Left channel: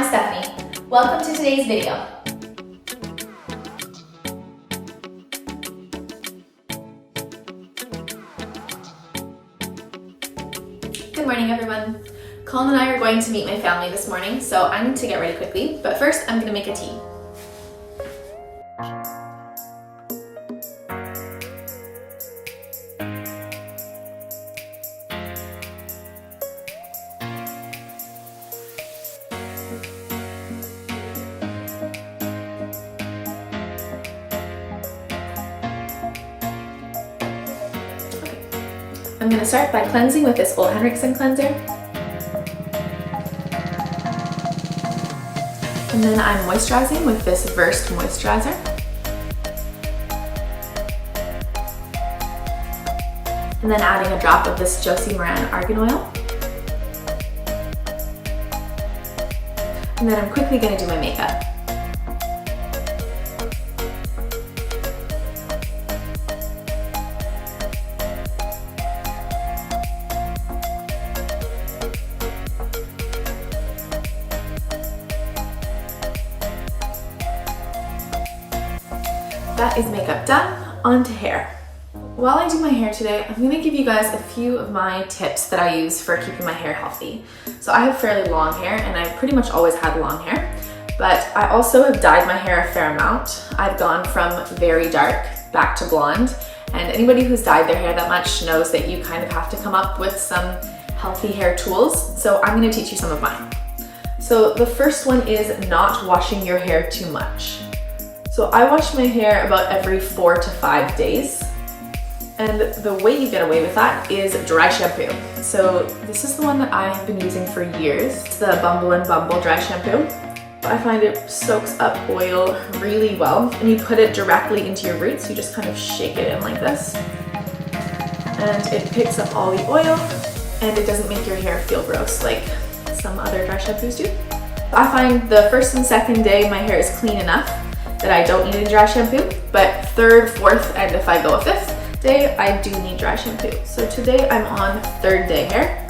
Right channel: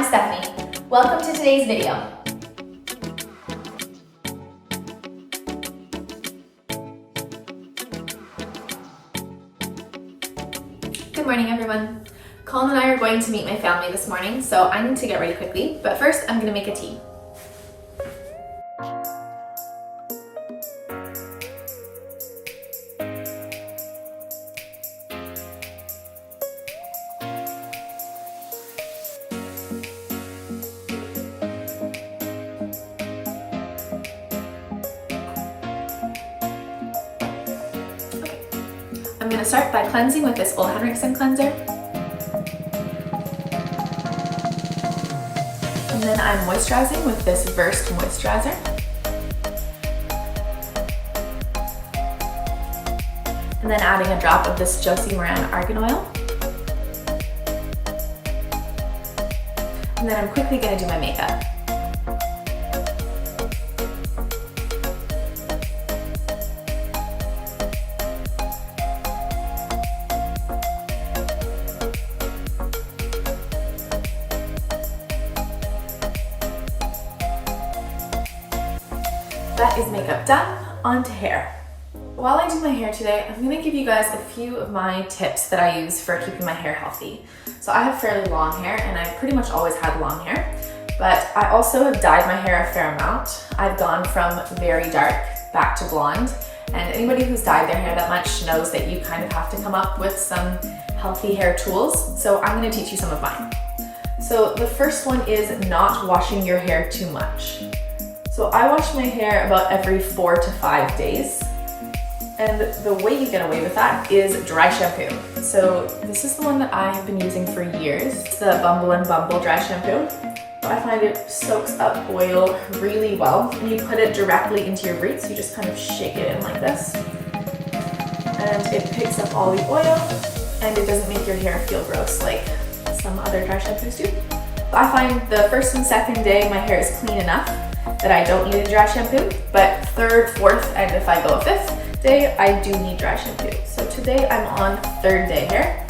I'm Stephanie. Welcome to today's video. Good morning, everyone. Colin and I are going to meet my family this morning, so I need to get ready quickly, but first I'm going to make a tea. I'm going to start by cleansing with this Ole Henriksen cleanser. And then I'm moisturizing with this Versed moisturizer. And then adding a drop of this Josie Moran argan oil. And then I'm quickly going to do my makeup. That is makeup done, on to hair. While I do my hair today, I'm going to give you guys a few of my tips that I use for keeping my hair healthy. So I have fairly long hair and I've pretty much always had long hair, but I also have dyed my hair a fair amount. I've gone from very dark back to blonde, and anybody who's dyed their hair that much knows that you kind of have to come up with some healthy hair tools. So I'm going to teach you some of mine. So the first one is not washing your hair too much. So I wash my hair about every 4 to 5 days. And the way you get away with that is dry shampoo. So this is the one that I have been using for years. It's the Bumble and Bumble dry shampoo. I find it soaks up oil really well, and you put it directly into your roots. You just kind of shake it in like this. And it picks up all the oil, and it doesn't make your hair feel gross like some other dry shampoos do. I find the first and second day my hair is clean enough that I don't need any dry shampoo, but third, fourth, and if I go a fifth day, I do need dry shampoo. So today I'm on third day hair,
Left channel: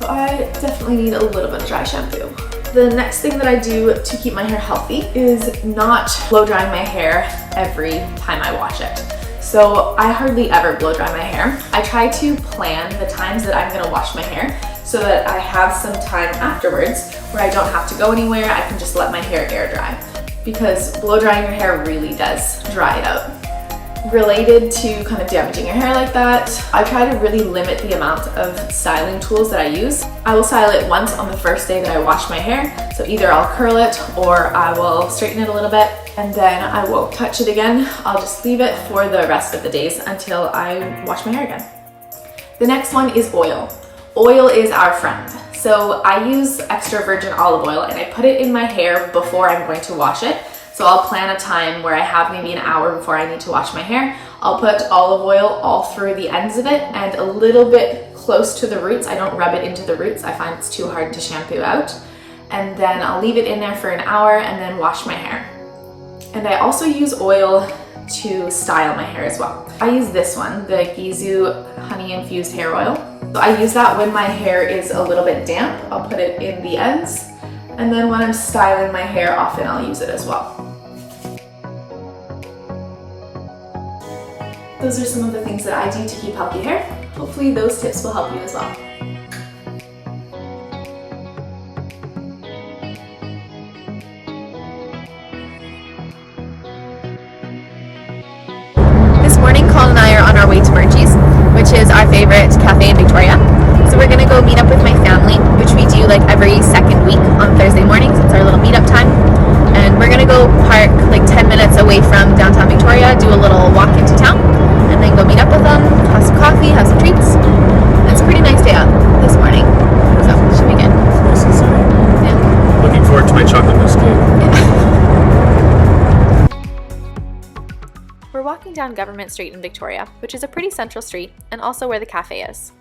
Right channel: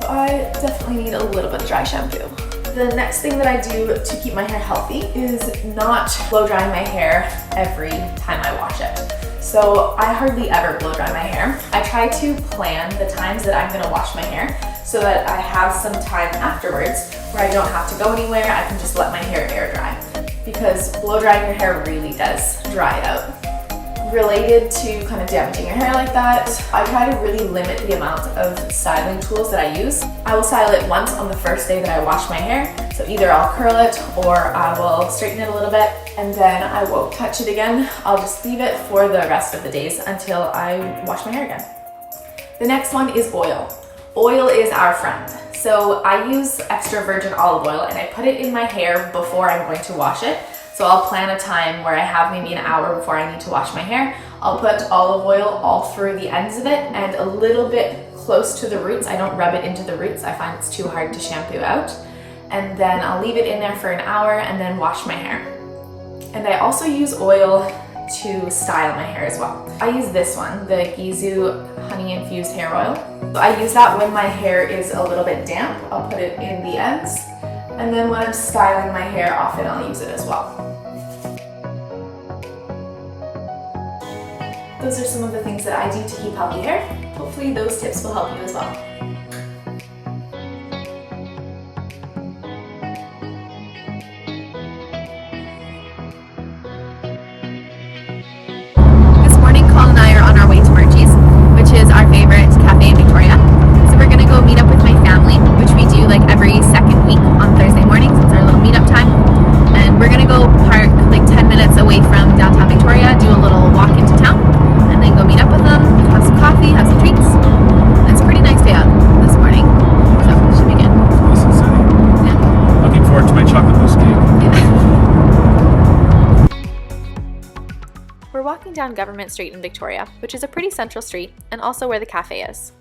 so I definitely need a little bit of dry shampoo. The next thing that I do to keep my hair healthy is not blow drying my hair every time I wash it. So I hardly ever blow dry my hair. I try to plan the times that I'm gonna wash my hair so that I have some time afterwards where I don't have to go anywhere. I can just let my hair air dry, because blow drying your hair really does dry it out. Related to kind of damaging your hair like that, I try to really limit the amount of styling tools that I use. I will style it once on the first day that I wash my hair. So either I'll curl it or I will straighten it a little bit, and then I won't touch it again. I'll just leave it for the rest of the days until I wash my hair again. The next one is oil. Oil is our friend. So I use extra virgin olive oil and I put it in my hair before I'm going to wash it. So I'll plan a time where I have maybe an hour before I need to wash my hair. I'll put olive oil all through the ends of it and a little bit close to the roots. I don't rub it into the roots. I find it's too hard to shampoo out. And then I'll leave it in there for an hour and then wash my hair. And I also use oil to style my hair as well. I use this one, the Gizu honey infused hair oil. So I use that when my hair is a little bit damp. I'll put it in the ends, and then when I'm styling my hair, often I'll use it as well. Those are some of the things that I do to keep healthy hair. Hopefully those tips will help you as well. This morning, Colin and I are on our way to Veggie's, which is our favorite cafe in Victoria. So we're gonna go meet up with my family, which we do like every second week on Thursday mornings. It's our little meetup time. And we're gonna go park like 10 minutes away from downtown Victoria, do a little walk into town, and then go meet up with them, have some coffee, have some treats. It's a pretty nice day out this morning, so it should be good. Nice and sunny. Yeah. Looking forward to my chocolate mousse cake. We're walking down Government Street in Victoria, which is a pretty central street and also where the cafe is.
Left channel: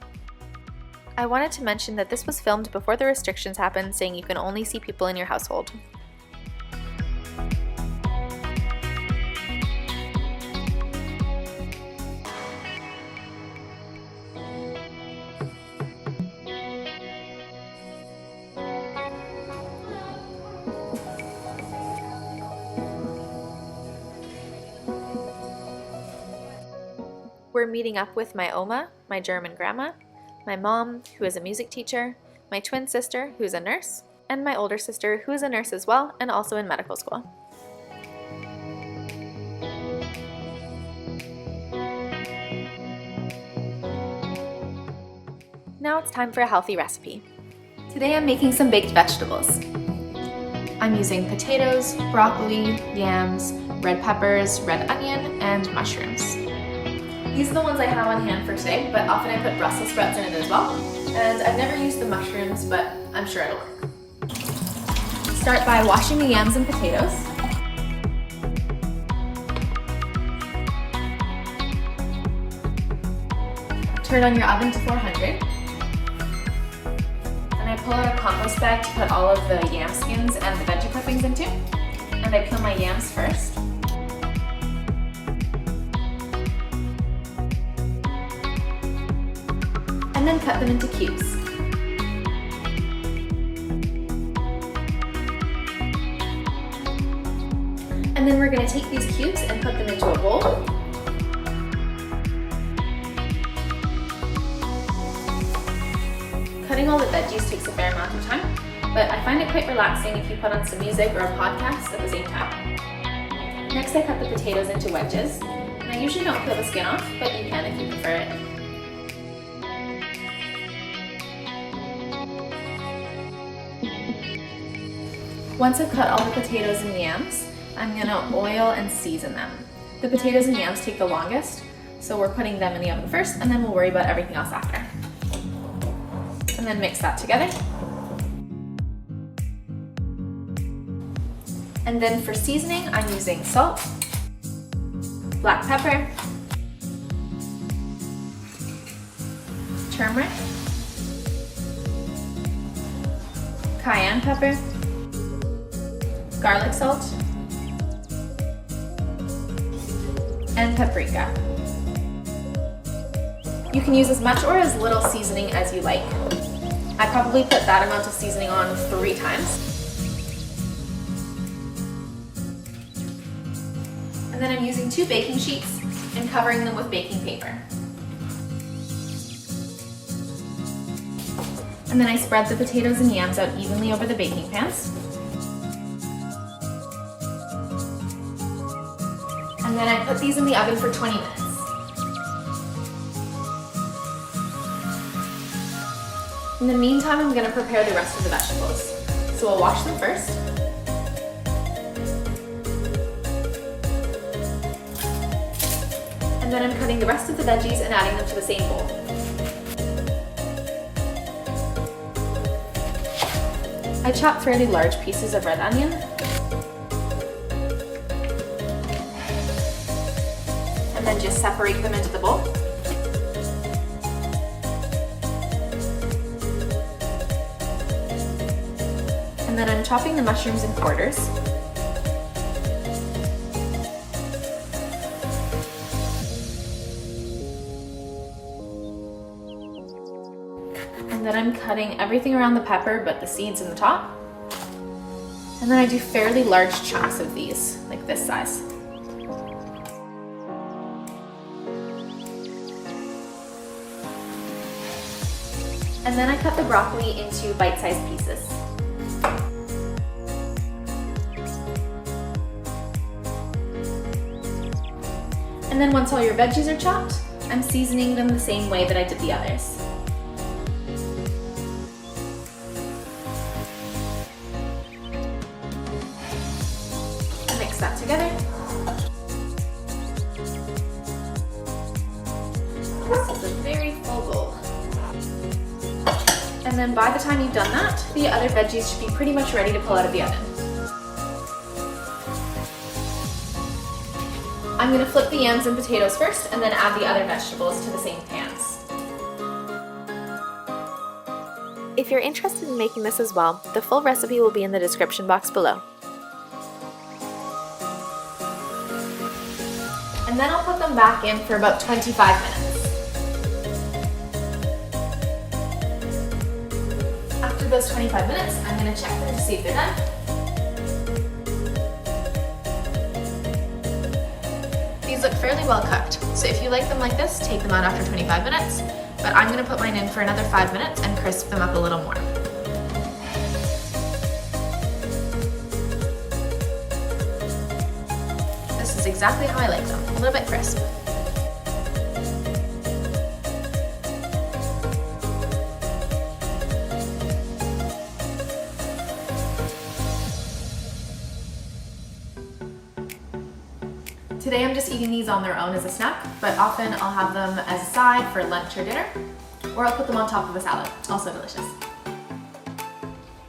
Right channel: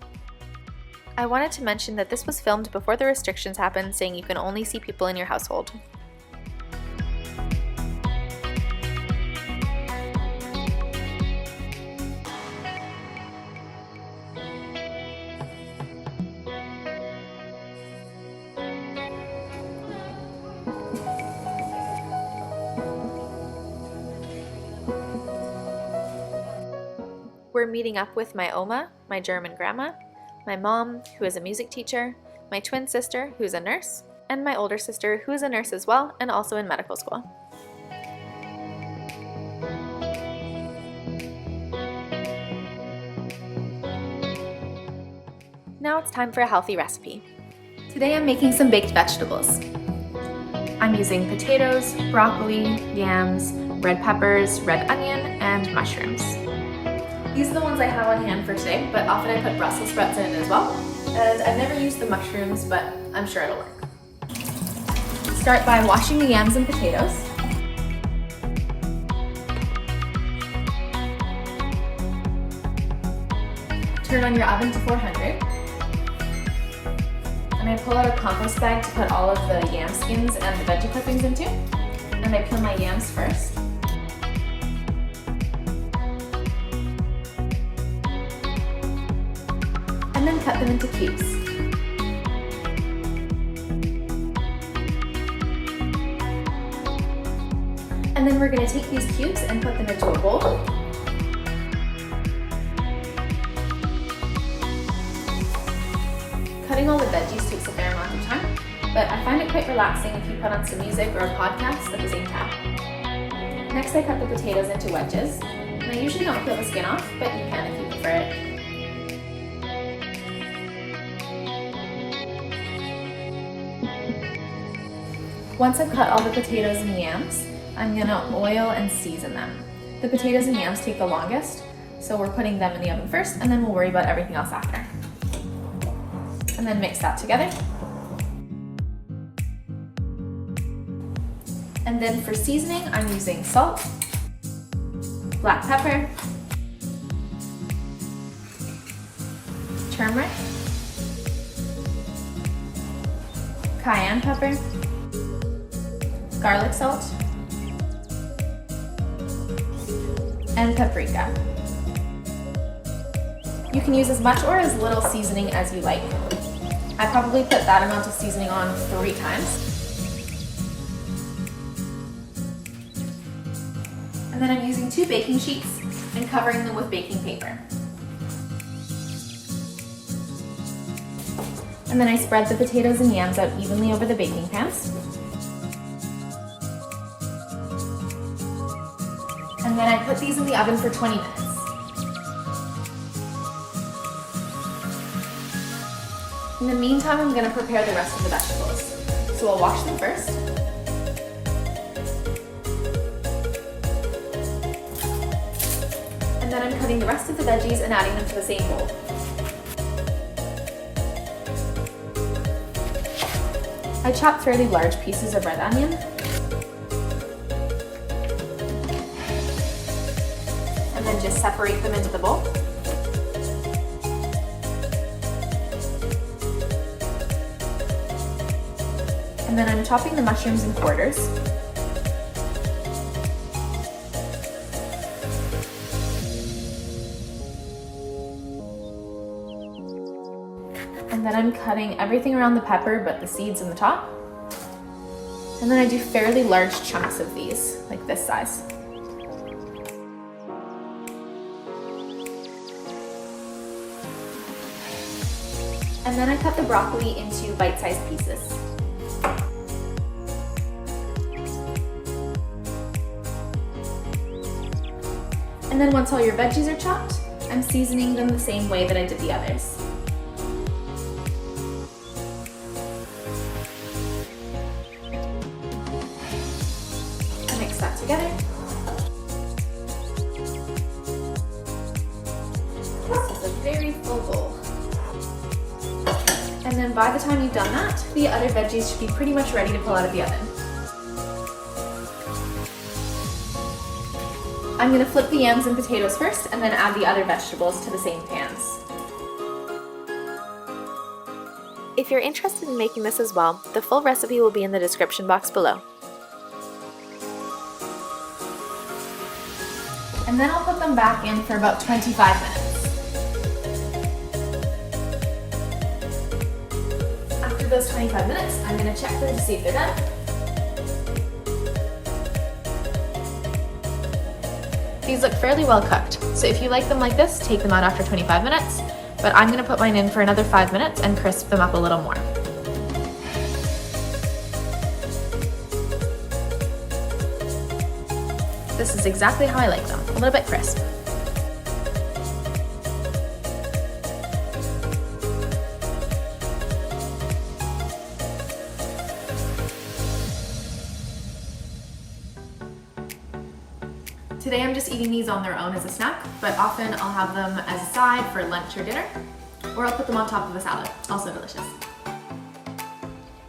I wanted to mention that this was filmed before the restrictions happened, saying you can only see people in your household. We're meeting up with my Oma, my German grandma, my mom, who is a music teacher, my twin sister, who's a nurse, and my older sister, who is a nurse as well and also in medical school. Now it's time for a healthy recipe. Today I'm making some baked vegetables. I'm using potatoes, broccoli, yams, red peppers, red onion, and mushrooms. These are the ones I have on hand for today, but often I put Brussels sprouts in it as well. And I've never used the mushrooms, but I'm sure it'll work. Start by washing the yams and potatoes. Turn on your oven to 400. And I pull out a compost bag to put all of the yam skins and the veggie clippings into. And I peel my yams first. And then cut them into cubes. And then we're going to take these cubes and put them into a bowl. Cutting all the veggies takes a fair amount of time, but I find it quite relaxing if you put on some music or a podcast at the same time. Next I cut the potatoes into wedges, and I usually don't peel the skin off, but you can if you prefer it. Once I've cut all the potatoes and yams, I'm gonna oil and season them. The potatoes and yams take the longest, so we're putting them in the oven first, and then we'll worry about everything else after. And then mix that together. And then for seasoning, I'm using salt, black pepper, turmeric, cayenne pepper, garlic salt, and paprika. You can use as much or as little seasoning as you like. I probably put that amount of seasoning on 3 times. And then I'm using 2 baking sheets and covering them with baking paper. And then I spread the potatoes and yams out evenly over the baking pans. And then I put these in the oven for 20 minutes. In the meantime, I'm going to prepare the rest of the vegetables. So I'll wash them first. And then I'm cutting the rest of the veggies and adding them to the same bowl. I chopped fairly large pieces of red onion. And then just separate them into the bowl. And then I'm chopping the mushrooms in quarters. And then I'm cutting everything around the pepper but the seeds in the top. And then I do fairly large chunks of these, like this size. And then I cut the broccoli into bite-sized pieces. And then once all your veggies are chopped, I'm seasoning them the same way that I did the others. Mix that together. This is a very full bowl. And then by the time you've done that, the other veggies should be pretty much ready to pull out of the oven. I'm going to flip the yams and potatoes first and then add the other vegetables to the same pans. If you're interested in making this as well, the full recipe will be in the description box below. And then I'll put them back in for about 25 minutes. After those 25 minutes, I'm going to check them to see if they're done. These look fairly well cooked, so if you like them like this, take them out after 25 minutes, but I'm gonna put mine in for another 5 minutes and crisp them up a little more. This is exactly how I like them, a little bit crisp. Today I'm just eating these on their own as a snack, but often I'll have them as a side for lunch or dinner, or I'll put them on top of a salad, also delicious.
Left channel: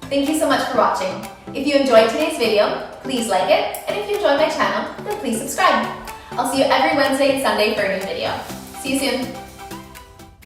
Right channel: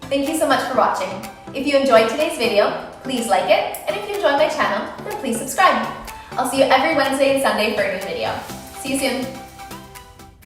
Thank you so much for watching. If you enjoyed today's video, please like it, and if you enjoyed my channel, then please subscribe. I'll see you every Wednesday and Sunday for a new video. See you soon.